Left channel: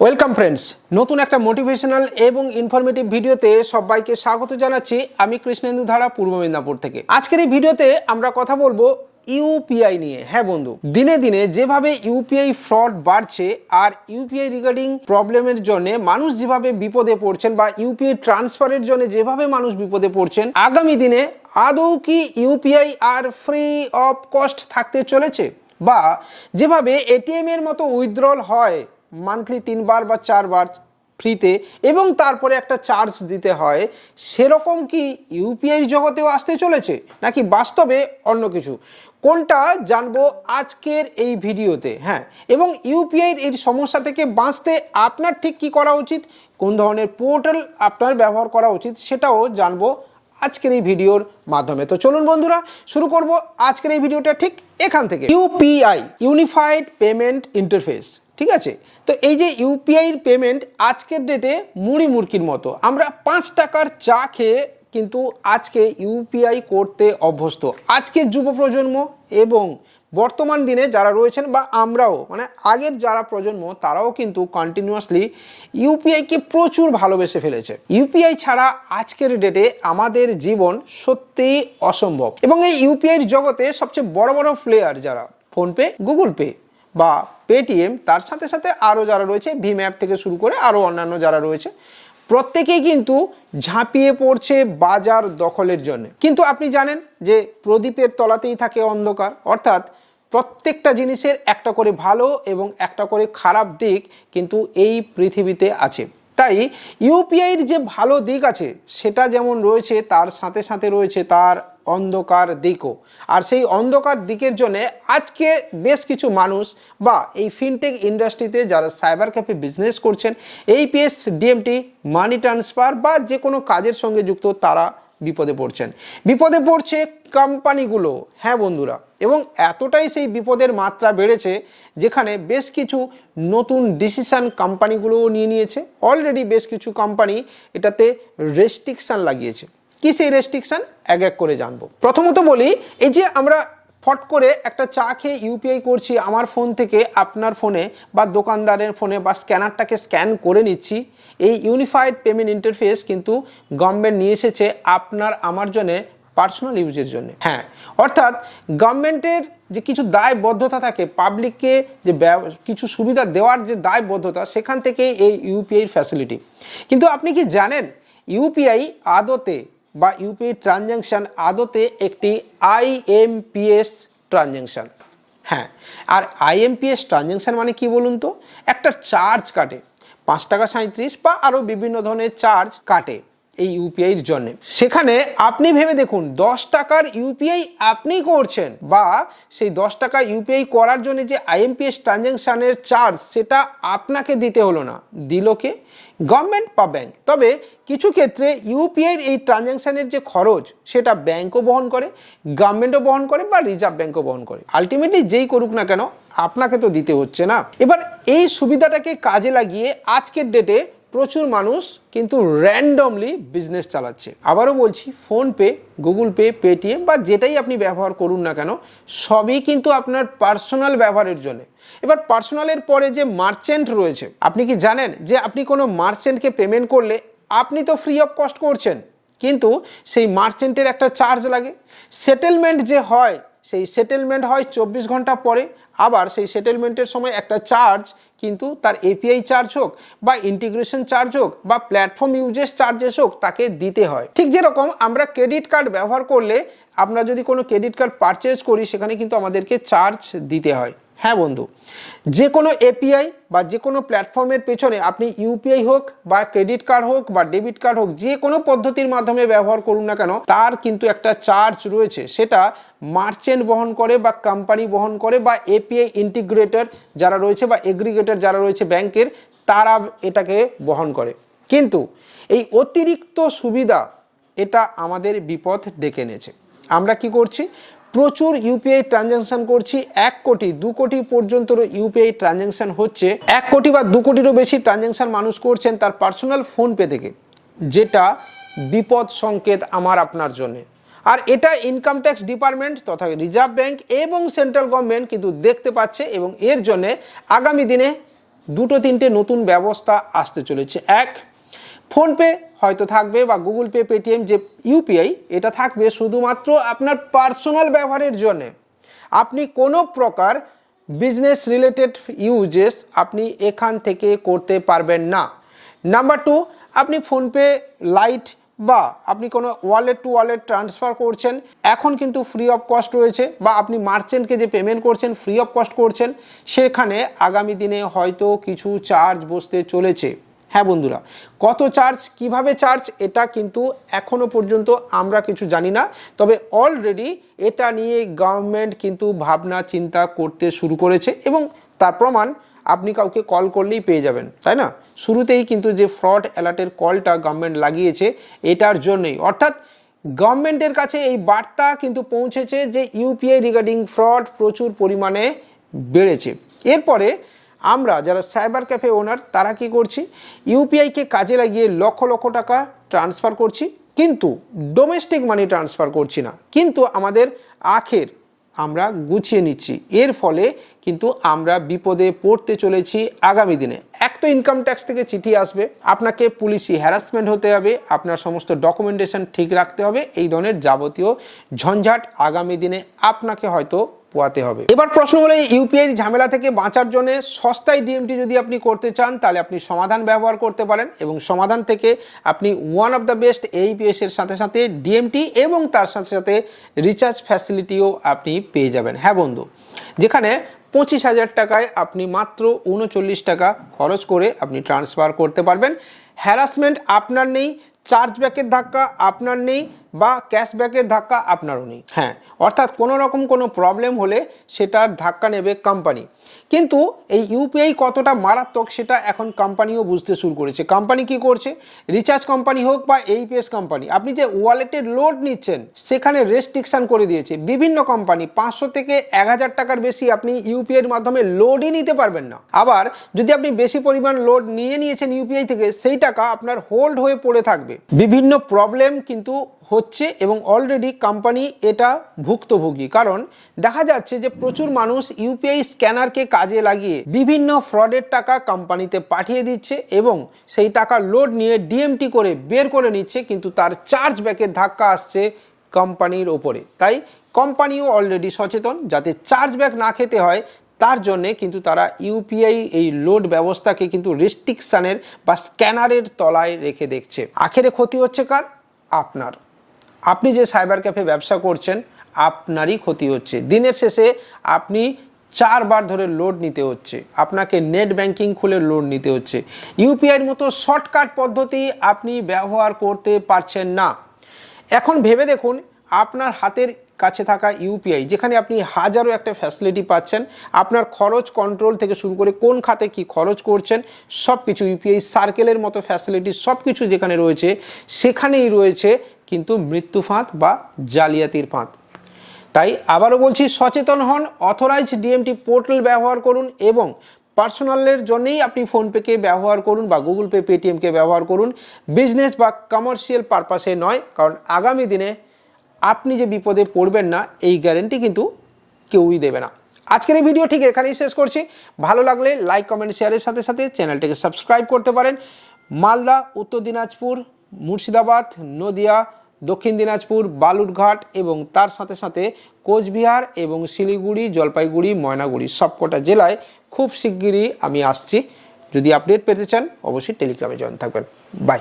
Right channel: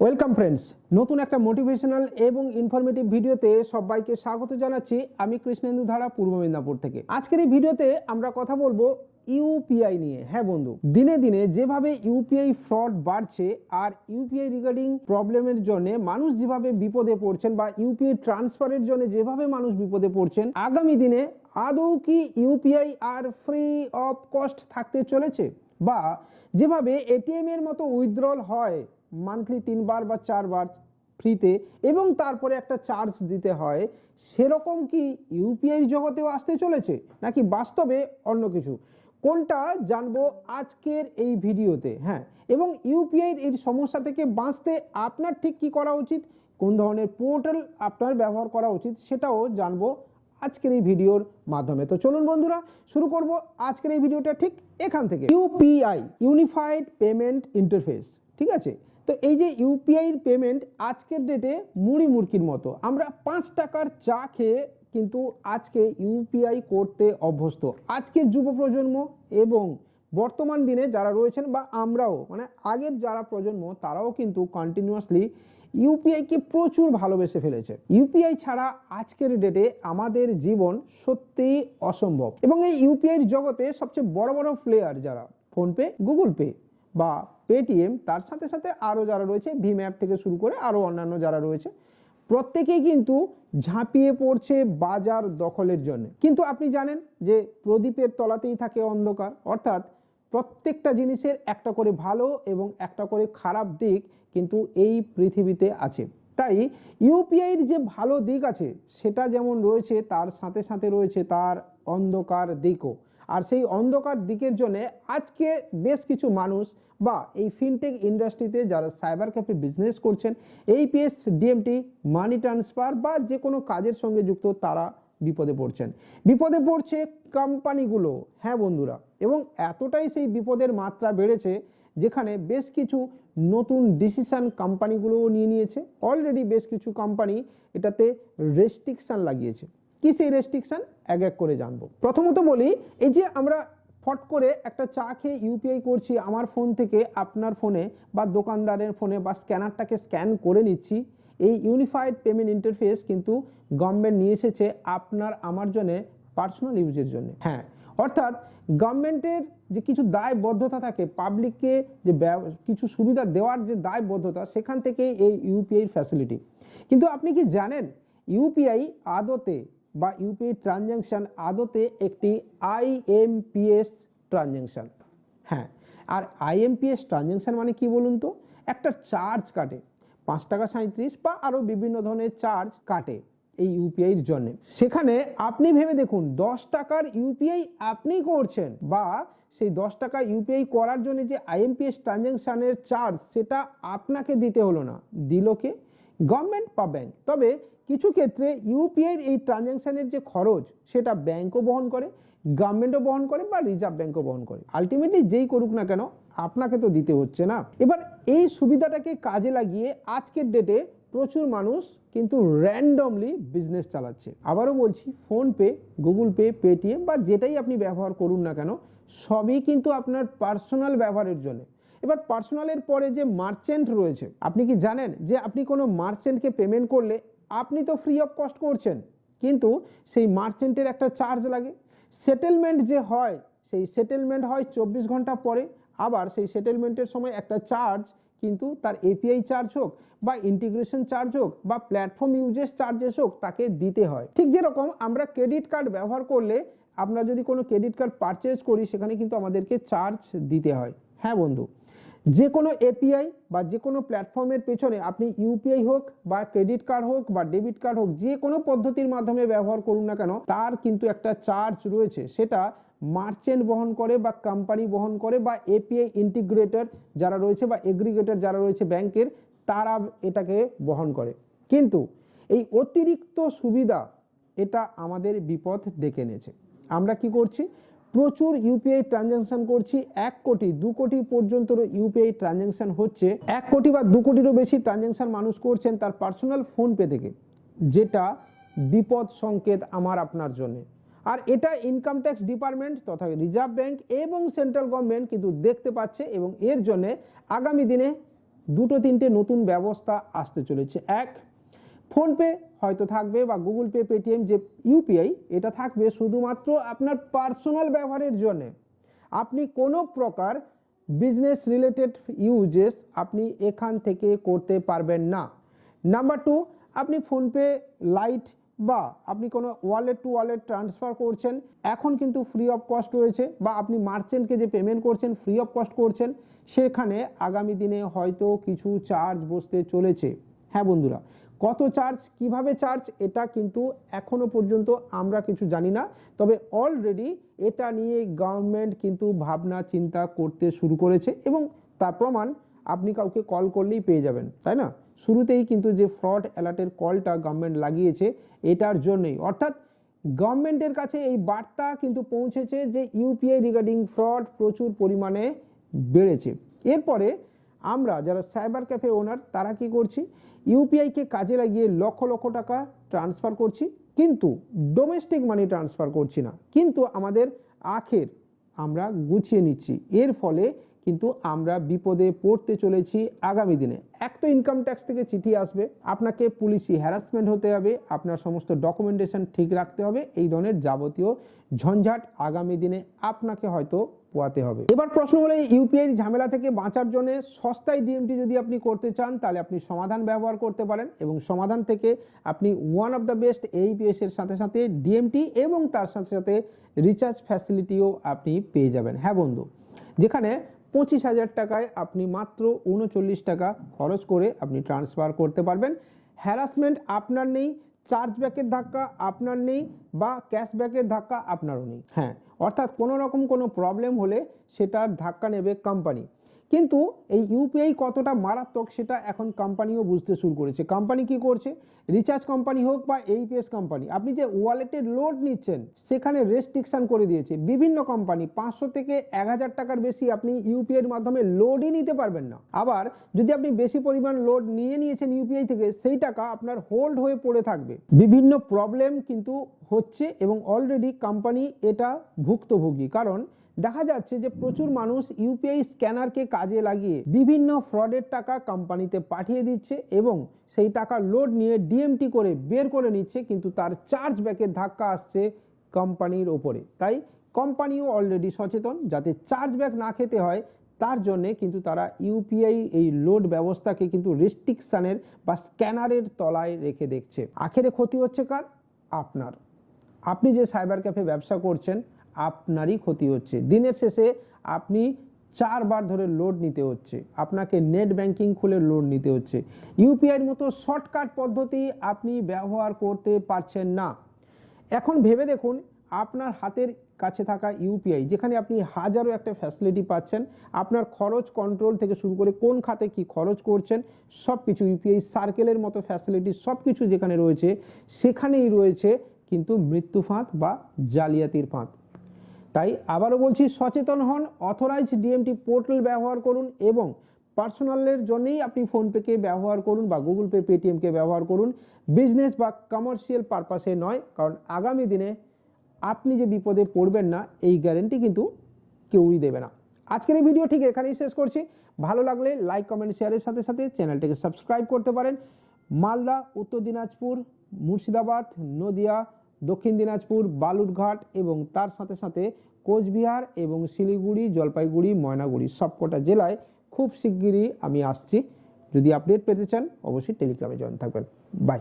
Welcome friends নতুন একটা motivational এবং ইনফরমেটিভ ভিডিওতে সবাইকে স্বাগত জানাচ্ছি আমি কৃষ্ণেন্দু ধারা, পূর্ব মেদিনীপুর থেকে। আজকের এই ভিডিওতে আমরা কথা বলব ইউপিআই নিয়ে। হ্যাঁ বন্ধু, দিনে দিনে যেভাবে ইউপিআই ফ্রড বাড়ছে আর ইউপিআই রিগার্ডিং প্রবলেমের জন্য মানুষ যেভাবে বিপদে পড়ছেন বা ইউপিআই ট্রান্সফারের জন্য যেভাবে মানুষ বিপদে পড়ছেন, আগামী দিনে আদৌ কি ইউপিআই আর ফ্রি অফ কস্ট থাকতে চলেছে? বা যেভাবে এটিএম এর মতো উইথড্রল হয় মান্থলি তিনবার বা চারবার ফ্রিতে এবং তারপরে একটা চার্জ দিতে হয়, সেরকম কি ইউপিআই জগতেও আসতে চলেছে? নাকি বাস্তবে অন্য কিছু? কোনটা জানব আজকের এই ভিডিওতে? হ্যাঁ এবং ইউপিআইয়ের এই সমস্যা থেকে বাঁচতে আপনার ঠিক কি করা উচিত? কোন ধরনের পোর্টাল আপনার ব্যবহার করা উচিত? সেটাও জানব আজকের এই ভিডিওর মাধ্যমে। তো চলুন বন্ধুরা, শুরু করব আজকের এই ভিডিওটা ঠিক এখান থেকে। ইউপিআই ইউনিফাইড পেমেন্ট ইন্টারফেস ঠিক আছে? তো এই যে ইউপিআইয়ের পেমেন্ট আজকের ডেটে মুড়ি মুরকির মতো। আমরা পাঁচ টাকার চা খেয়ে কিন্তু আজকে ইউপিআই করতে অভ্যস্ত। আজকের যুব প্রজন্ম এবং বর্তমান দিনে যারা রয়েছেন বা আমরাও মানে আগের যারা প্রজন্ম, তারাও কিন্তু কন্টিনিউয়াসলি ইউপিআইকে প্রচুর ভালোবেসে ফেলেছে। ইউপিআই ছাড়া আজকের ডেটে আমাদের জীবন সত্যিই অসম্ভব। এবং এই ইউপিআইয়ের জগতে সবচেয়ে বড় বড় প্লেয়ার যারা, ফোনপে, গুগল পে বা পেটিএম তার সাথে সাথে আরও যারা রয়েছে ভিম অ্যাপ থেকে শুরু করে আরও অন্যান্য যারা রয়েছে, প্রত্যেকেই কিন্তু ঝাঁপিয়ে পড়ছে বাজার দখলের জন্য। কিন্তু আপনি জানেন যে প্রদীপের তলাতেই থাকে অন্ধকার, অর্থাৎ প্রত্যেকটা জিনিসের একটা করে ভালো এবং একটা করে খারাপ দিক কিন্তু এই পৃথিবীতে আছে। তাই ইউপিআইয়ের যে ভালো দিক আছে, সেটা যেমন রয়েছে, তার সাথে সাথে রয়েছে তার অন্ধকার দিকও। আর সেই অন্ধকার দিকের জন্য আজকে বেশ কিছু মানুষ বা এই ফিনটেক ইন্ডাস্ট্রিতে যারা সাইবার ক্যাফে বিজনেস করছেন এইপিএস ডিএমটি মানি ট্রান্সফার বা যে কোনো কাজের সঙ্গে যুক্ত তারা বিপদে পড়ছেন। বিপদে পড়ছে কোম্পানিগুলো হ্যাঁ বন্ধুরা, এবং এতটাই সেই বিপদের মাত্রা বেড়েছে যেখানে বেশ কিছু নতুন ডিসিশান কোম্পানিগুলোও নিয়ে নিয়েছে। অলরেডি বেশ কিছু কোম্পানি এটাতে রেস্ট্রিকশান লাগিয়েছে। কি সেই রেস্ট্রিকশান এক এক করে জানব। প্রথমত বলি, এই যে আমরা ফট করে একটা চা খেয়ে ইউপিআই করছি, আমার ফোন থেকে আপনার ফোনে বা দোকানদারের ফোনে বা স্ক্যানারটাকে স্ক্যান করে নিচ্ছি, এই ইউনিফাইড পেমেন্ট ইন্টারফেস কিন্তু গভর্নমেন্ট নিয়ে এসেছে আপনার, আমার জন্যে পার্সোনাল ইউজের জন্য। হ্যাঁ অর্থাৎ গভর্নমেন্টের যে কিছু দায়বদ্ধতা থাকে পাবলিককে যে কিছু সুবিধা দেওয়ার যে দায়বদ্ধতা, সেখান থেকে এই ইউপিআই ফ্যাসিলিটি কিন্তু আপনি কি জানেন ইউপিআই আদতে বা ইউপিআই ট্রানজ্যাকশান আদতে একটি আইএমপিএস ট্রানজ্যাকশান হ্যাঁ আর আইএমপিএস ট্রানজ্যাকশান মানে কি বলুন তো? একটা চার্জ কাটে, পাঁচ টাকা সাঁত্রিশ বা আরও বিভিন্ন ধরনের চার্জ কাটে এই ইউপিআইয়ের জন্য। সেখানে আপনি ভেবে দেখুন, দশ টাকার ইউপিআই আপনি করছেন বা সেই দশ টাকা ইউপিআই করার জন্য যে আইএমপিএস ট্রানজ্যাকশানের চার্জ সেটা আপনাকে দিতে হলো না। দিল কে? গভর্নমেন্ট বা ব্যাংক। তবে কিছু ক্ষেত্রে ইউপিআইয়ের এই ট্রানজ্যাকশানের যে খরচ, সেটা ব্যাংকও বহন করে, গভর্নমেন্টও বহন করে বা রিজার্ভ ব্যাংকও বহন করে। আলটিমেটলি যেই করুক না কেন, আপনাকে তো দিতে হচ্ছে না। এবার এই সুবিধাটাকে কাজে লাগিয়ে আজকের ডেটে প্রচুর মানুষ কিন্তু র্যান্ডমলি বিজনেস চালাচ্ছে। আবারও বলছি ফোনপে গুগল পে পেটিএম বা যেটাই আপনি ব্যবহার করুন না কেন, সবই কিন্তু আপনার পার্সোনাল ব্যবহারের জন্য। এবার পার্সোনালের পরে যে মার্চেন্ট রয়েছে, আপনি কি জানেন যে আপনি কোনো মার্চেন্টকে পেমেন্ট করলে আপনি তো ফ্রি অফ কস্ট করছেন, কিন্তু সেই মার্চেন্টের একটা চার্জ লাগে। সেটেলমেন্ট যে হয়, সেই সেটেলমেন্ট হয় চব্বিশ ঘণ্টা পরে আবার সেই সেটেলমেন্টের সময় একটা চার্জ কিন্তু তার এপিআই চার্জ হোক বা ইন্টিগ্রেশন চার্জ হোক বা প্ল্যাটফর্ম ইউজেস চার্জেস হোক তাকে দিতে হয়। ঠিক যেরকম আমরা ক্রেডিট কার্ড ব্যবহার করলে আমরা যদি কোনো ক্রেডিট কার্ড পারচেজ করি সেখানে কিন্তু আমাদেরকে চার্জ দিতে হয়। হ্যাঁ বন্ধু যে কোনো এপিআই বা যে কোনো প্ল্যাটফর্মের পেছনে আপনি ইউপিআই হোক বা ক্রেডিট কার্ড হোক বা ডেবিট কার্ড হোক যে কোনো পদ্ধতির মাধ্যমে ব্যবহার করুন না কেন, তার কিন্তু একটা চার্জ রয়েছে। সেটা মার্চেন্ট বহন করে বা কোম্পানি বহন করে বা এপিআই ইন্টিগ্রেটর যারা রয়েছে বা এগ্রিগেটর যারা রয়েছে ব্যাংকের, তারা এটাকে বহন করে। কিন্তু এই অতিরিক্ত সুবিধা এটা আমাদের বিপদ ডেকে এনেছে। আমরা কি করছি? প্রচুর ইউপিআই ট্রানজ্যাকশন করছি, এক কোটি, দু কোটি পর্যন্ত ইউপিআই ট্রানজ্যাকশন হচ্ছে। এক কোটি বা দু কোটিরও বেশি ট্রানজ্যাকশন মানুষ করছেন তার পার্সোনাল ফোনপে থেকে, যেটা বিপদ সংকেত আমার আপনার জন্যে। আর এটা ইনকাম ট্যাক্স ডিপার্টমেন্ট তথা রিজার্ভ ব্যাংক এবং সেন্ট্রাল গভর্নমেন্ট কিন্তু দেখতে পাচ্ছে এবং এর জন্যে আগামী দিনে দুটো তিনটে নতুন ব্যবস্থা আসতে চলেছে। এক ফোনপে হয়তো থাকবে বা গুগল পে, পেটিএম, যে ইউপিআই, এটা থাকবে শুধুমাত্র আপনার পার্সোনাল ব্যবহারের জন্যে। আপনি কোনো প্রকার বিজনেস রিলেটেড ইউজেস আপনি এখান থেকে করতে পারবেন না। নাম্বার টু, আপনি ফোনপে, লাইট বা আপনি কোনো ওয়ালেট টু ওয়ালেট ট্রান্সফার করছেন, এখন কিন্তু ফ্রি অফ কস্ট রয়েছে বা আপনি মার্চেন্টকে যে পেমেন্ট করছেন ফ্রি অফ কস্ট করছেন, সেখানে আগামী দিনে হয়তো কিছু চার্জ বসতে চলেছে। হ্যাঁ বন্ধুরা, কত চার্জ কীভাবে চার্জ এটা কিন্তু এখনও পর্যন্ত আমরা কিছু জানি না। তবে অলরেডি এটা নিয়ে গভর্নমেন্ট কিন্তু ভাবনা, চিন্তা করতে শুরু করেছে এবং তার প্রমাণ আপনি কাউকে কল করলেই পেয়ে যাবেন, তাই না? শুরুতেই কিন্তু যে ফ্রড অ্যালার্টের কলটা গভর্নমেন্ট লাগিয়েছে, এটার জন্যই। অর্থাৎ গভর্নমেন্টের কাছে এই বার্তা কিন্তু পৌঁছেছে যে ইউপিআই রিগার্ডিং ফ্রড প্রচুর পরিমাণে বেড়েছে। এরপরে আমরা যারা সাইবার ক্যাফে ওনার, তারা কি করছি? ইউপিআইকে কাজে লাগিয়ে লক্ষ লক্ষ টাকা ট্রান্সফার করছি, কিন্তু ডোমেস্টিক মানি ট্রান্সফার করছি না। কিন্তু আমাদের আখের আমরা গুছিয়ে নিচ্ছি। এর ফলে কিন্তু আমরা বিপদে পড়তে চলেছি আগামী দিনে। এক তো ইনকাম ট্যাক্স থেকে চিঠি আসবে, আপনাকে পুলিশি হ্যারাসমেন্ট হতে হবে, আপনার সমস্ত ডকুমেন্টেশন ঠিক রাখতে হবে, এই ধরনের যাবতীয় ঝঞ্ঝাট আগামী দিনে আপনাকে হয়তো পোয়াতে হবে। এবার প্রশ্ন হলো ইউপিআই ঝামেলা থেকে বাঁচার জন্য সস্তায় ডিএমটি যদি আপনি করতে চান, তাহলে আপনি সমাধান ব্যবহার করতে পারেন এবং সমাধান থেকে আপনি one of the best AEPS এর সাথে সাথে ডিএমটি এবং তার সাথে সাথে রিচার্জ ফ্যাসিলিটিও আপনি পেয়ে যাবেন। হ্যাঁ বন্ধু, যেখানে পঁচিশ হাজার টাকায় আপনি মাত্র উনচল্লিশ টাকা খরচ করে আপনি ট্রান্সফার করতে পারবেন। হ্যারাসমেন্ট আপনার নেই চার্জব্যাকের ধাক্কা আপনার নেই বা ক্যাশব্যাকের ধাক্কা আপনারও নেই। হ্যাঁ অর্থাৎ কোনো রকম কোনো প্রবলেম হলে সেটার ধাক্কা নেবে কোম্পানি কিন্তু এই ইউপিআই কতটা মারাত্মক সেটা এখন কোম্পানিও বুঝতে শুরু করেছে। কোম্পানি কি করছে? রিচার্জ কোম্পানি হোক বা এইপিএস কোম্পানি আপনি যে ওয়ালেটের লোড নিচ্ছেন, সেখানে রেস্ট্রিকশান করে দিয়েছে। বিভিন্ন কোম্পানি পাঁচশো থেকে এক হাজার টাকার বেশি আপনি ইউপিআই এর মাধ্যমে লোডই নিতে পারবেন না। আবার যদি আপনি বেশি পরিমাণ লোড নিয়ে নিয়েছেন ইউপিআই থেকে, সেই টাকা আপনার হোল্ড হয়ে পড়ে থাকবে। বিভিন্ন প্রবলেম কিন্তু হচ্ছে এবং অলরেডি কোম্পানি এটা ভুক্তভোগী। কারণ দেখা যাচ্ছে যে প্রচুর মানুষ ইউপিআই স্ক্যানারকে কাজে লাগিয়ে বিভিন্ন ফ্রডের টাকা কোম্পানিতে পাঠিয়ে দিচ্ছে এবং সেই টাকা লোড নিয়ে ডিএমটি করে বের করে নিচ্ছে, কিন্তু তার চার্জ ব্যাকের ধাক্কা আসছে কোম্পানির ওপরে। তাই কোম্পানিও অলরেডি সচেতন, যাতে চার্জ ব্যাক না খেতে হয় তার জন্যে কিন্তু তারা ইউপিআই এই লোড ব্যবস্থাকে কিন্তু রেস্ট্রিকশানের বা স্ক্যানারের তলায় রেখে দেখছে। আখেরে ক্ষতি হচ্ছে কার? আপনার। আপনি যে সাইবার ক্যাফে ব্যবসা করছেন, আপনারই ক্ষতি হচ্ছে। দিনের শেষে আপনি চারবার ধরে লোড নিতে হচ্ছে। আপনাকে নেট ব্যাংকিং খুলে লোড নিতে হচ্ছে। ইউপিআইয়ের মতো শর্টকাট পদ্ধতি আপনি ব্যবহার করতে পারছেন না। এখন ভেবে দেখুন আপনার হাতের কাছে থাকা ইউপিআই, যেখানে আপনি হাজারো একটা ফ্যাসিলিটি পাচ্ছেন, আপনার খরচ কন্ট্রোল থেকে শুরু করে কোন খাতে কি খরচ করছেন সব কিছু ইউপিআই সার্কেলের মতো ফ্যাসিলিটি সব কিছু যেখানে রয়েছে, সেখানেই রয়েছে কিন্তু মৃত্যু ফাঁদ বা জালিয়াতির ফাঁদ। তাই আবারও বলছি, সচেতন হন অথরাইজ ডিএমটি পোর্টাল ব্যবহার করুন এবং পার্সোনালের জন্যেই আপনি ফোনপেকে ব্যবহার করুন বা গুগল পে পেটিএমকে ব্যবহার করুন। বিজনেস বা কমার্শিয়াল পারপাসে নয়, কারণ আগামী দিনে আপনি যে বিপদে পড়বেন না, এই গ্যারেন্টি কিন্তু কেউই দেবে না। আজকের এই ভিডিও ঠিক এখানেই শেষ করছি। ভালো লাগলে লাইক কমেন্ট শেয়ারের সাথে সাথে চ্যানেলটিকে সাবস্ক্রাইব করতে পারেন। মালদা, উত্তর দিনাজপুর, মুর্শিদাবাদ, নদিয়া, দক্ষিণ দিনাজপুর, বালুরঘাট এবং তার সাথে সাথে কোচবিহার এবং শিলিগুড়ি, জলপাইগুড়ি, ময়নাগুড়ি সবকটা জেলায় খুব শিগগিরই আমি আসছি। যদি আপডেট পেতে চান, অবশ্যই টেলিগ্রামে জয়েন থাকবেন। বাই